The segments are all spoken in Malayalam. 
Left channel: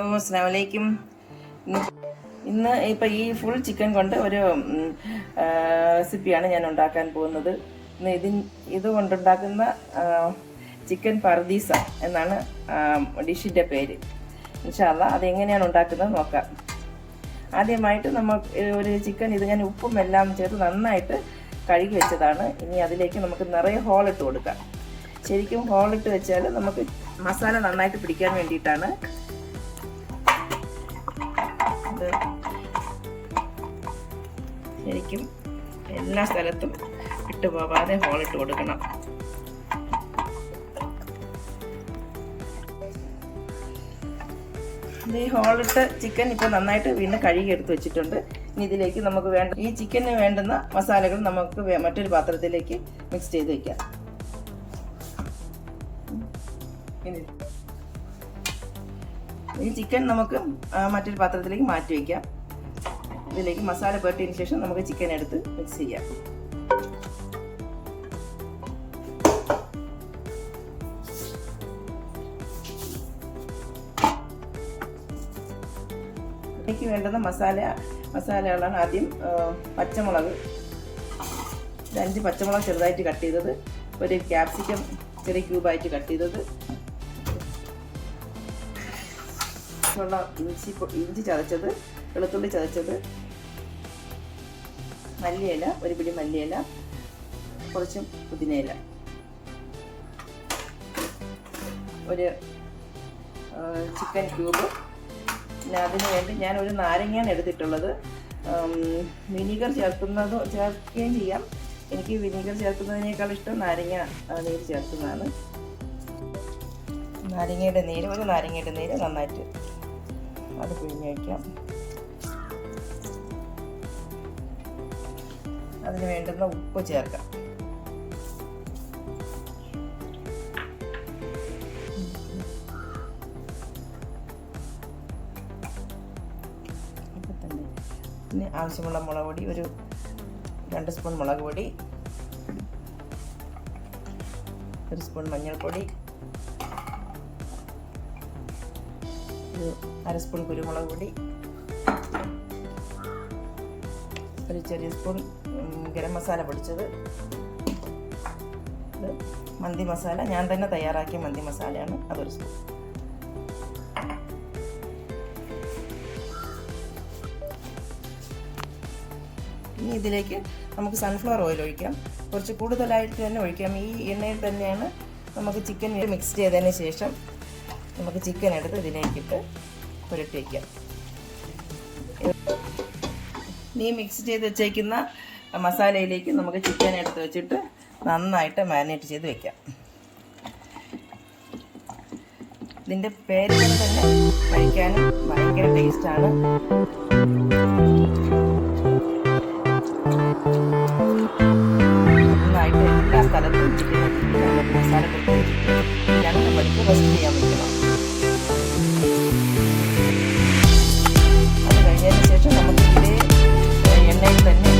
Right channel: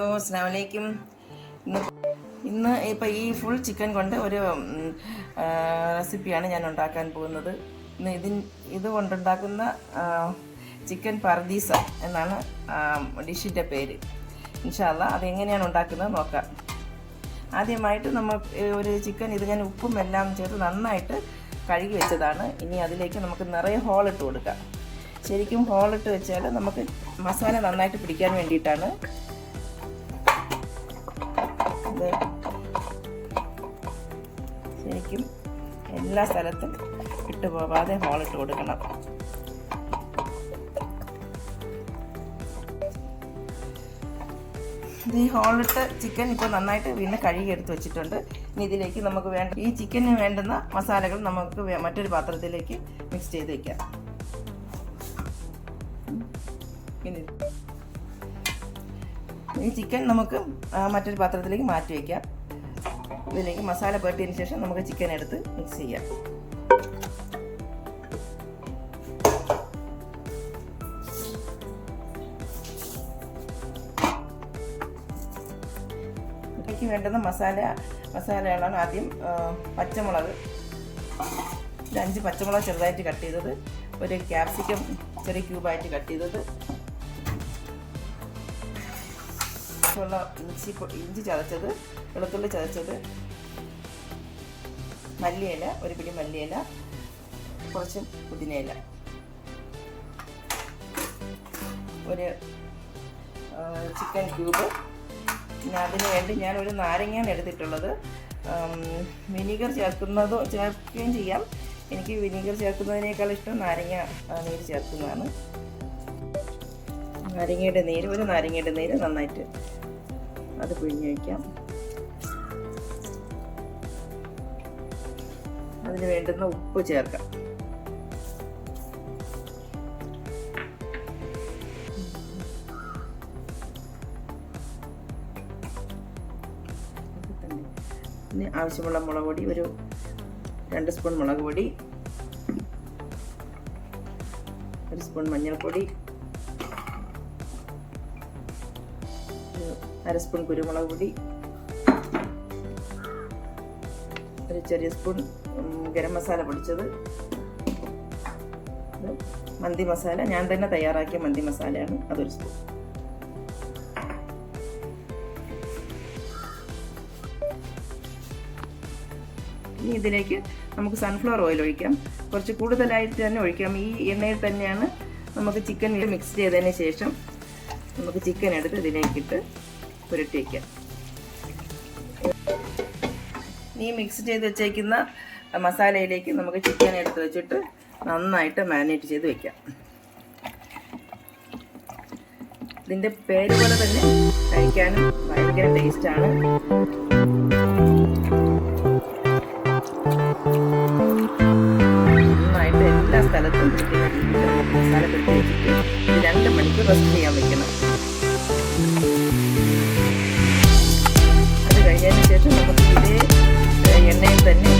അസ്സലാമു അലൈക്കും. ഇന്ന് ഇപ്പോൾ ഈ ഫുൾ ചിക്കൻ കൊണ്ട് ഒരു റെസിപ്പിയാണ് ഞാൻ ഉണ്ടാക്കാൻ പോകുന്നത്. ഇന്ന് ഇത് കൊണ്ടുണ്ടാക്കുന്ന ചിക്കൻ പർദീസ എന്നാണ് ഡിഷിൻ്റെ പേര്. ഇൻഷാ അല്ലാഹ് അതെങ്ങനെയാണ് ഉണ്ടാക്കുന്നത് നോക്കാം. ആദ്യമായിട്ട് നമുക്ക് ഒരു ചിക്കൻ ഇത് ഞാൻ ഉപ്പും എല്ലാം ചേർത്ത് നന്നായിട്ട് കഴുകി വെച്ചതാണ്. ഇനി അതിലേക്ക് നമുക്ക് നിറയെ ഹോളിട്ട് കൊടുക്കാം. ശരിക്കും ഹോളിട്ട് വെച്ചാൽ നമുക്ക് മസാല നന്നായിട്ട് പിടിക്കാൻ വേണ്ടിയിട്ടാണ്. ഇത് ശരിക്കും എല്ലാ സ്ഥലത്തും ഇട്ട് പോകാതെ ഹോളിട്ട് കൊടുക്കണം. ഈ ഹോളിട്ട ചിക്കൻ ഇപ്പോൾ നന്നായിട്ട് വീണ്ടും കഴുകി എടുത്ത് വെച്ചിട്ടുണ്ട്. ഇനി ഇതിലേക്ക് നമുക്ക് ഈ ചിക്കന് വേണ്ടുന്ന മസാലകൾ നമുക്ക് മറ്റൊരു പാത്രത്തിലേക്ക് മിക്സ് ചെയ്ത് വെക്കാം. ഈ ചിക്കൻ നമുക്ക് മറ്റൊരു പാത്രത്തിലേക്ക് മാറ്റി വയ്ക്കാം. ഇതിലേക്ക് മസാല പുരട്ടിയതിന് ശേഷം നമുക്ക് ചിക്കൻ എടുത്ത് മിക്സ് ചെയ്യാം. ഇതിലേക്ക് വേണ്ടുന്ന മസാലകളാണ് ആദ്യം പച്ചമുളക്, 5 പച്ചമുളക് ചെറുതായിട്ട് കട്ട് ചെയ്തത്, ഒരു ക്യാപ്സിക്കം ചെറിയ ക്യൂബായിട്ട് കട്ട് ചെയ്തത്, ഇഞ്ചി ചതച്ചത്, വെളുത്തുള്ളി ചതച്ചത്, മല്ലിയില, ഒരു പിടി മല്ലിയില, കുറച്ച് പുതിനയില, ഒരു ചിക്കൻ ക്യൂബ്. പിന്നെ അതിന് വേണ്ടി ഞാൻ ഒരു നാരങ്ങയാണ് എടുത്തിട്ടുള്ളത്. വിനീഗർ ചേർക്കുകയും ചെയ്യാം. എനിക്ക് വിനീഗർ ചേർക്കുന്നതിനേക്കാൾ ഇഷ്ടം നാരങ്ങ നീര് ചേർക്കുന്നതാണ്. നാരങ്ങയുടെ നീര് നന്നായിട്ട് അത് പിഴിഞ്ഞ് വയ്ക്കാം. അതിന് വേണ്ടുന്ന ഉപ്പ് ചേർക്കാം. പിന്നെ ആവശ്യമുള്ള മുളക് പൊടി, ഒരു 2 സ്പൂൺ മുളക് പൊടി, 1 സ്പൂൺ മഞ്ഞൾപ്പൊടി, 1/2 സ്പൂൺ കുരുമുളക് പൊടി, ഒരു ചെറിയ സ്പൂൺ ഗരം മസാല പൊടിച്ചത്, മന്തി മസാല ഞാൻ തന്നെ തയ്യാറാക്കിയ മന്തി മസാലയാണ്, അതൊരു സ്പൂൺ. ഇനി ഇതിലേക്ക് നമുക്ക് സൺഫ്ലവർ ഓയിൽ ഒഴിക്കാം. കുറച്ച് കൂടുതലായിട്ട് തന്നെ ഒഴിക്കാം. ഈ എണ്ണയിൽ തന്നെയാണ് നമുക്ക് ചിക്കൻ മിക്സ് ചെയ്തതിന് ശേഷം നമുക്ക് ചിക്കൻ എടുത്ത് ഇതിലേക്കിട്ട് പുരട്ടി വയ്ക്കാം. ഈ മിക്സ് ചെയ്ത് വെച്ചേക്കുന്ന മസാലയിലേക്ക് നമുക്ക് ചിക്കൻ എടുത്ത് വെച്ചിട്ട് നന്നായിട്ട് മാരിനേറ്റ് ചെയ്ത് വെക്കാം. ഇതിൻ്റെ പേരുകൾ തന്നെ കഴിക്കാനും ഭയങ്കര ടേസ്റ്റാണ്. നന്നായിട്ട് എല്ലാ സ്ഥലത്തും മസാല പുരട്ടി വെച്ചിട്ട് 2 മണിക്കൂർ റെസ്റ്റ് ചെയ്യാൻ വെക്കണം. അത് കഴിഞ്ഞതിന് ശേഷം നമുക്ക് ഇതേ എണ്ണയിൽ തന്നെ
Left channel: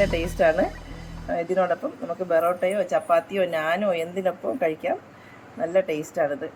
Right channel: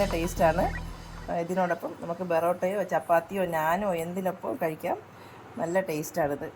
നല്ല ടേസ്റ്റാണ്. ഇതിനോടൊപ്പം നമുക്ക് ബെറോട്ടയോ ചപ്പാത്തിയോ നാനോ എന്തിനൊപ്പം കഴിക്കാം. നല്ല ടേസ്റ്റാണിത്.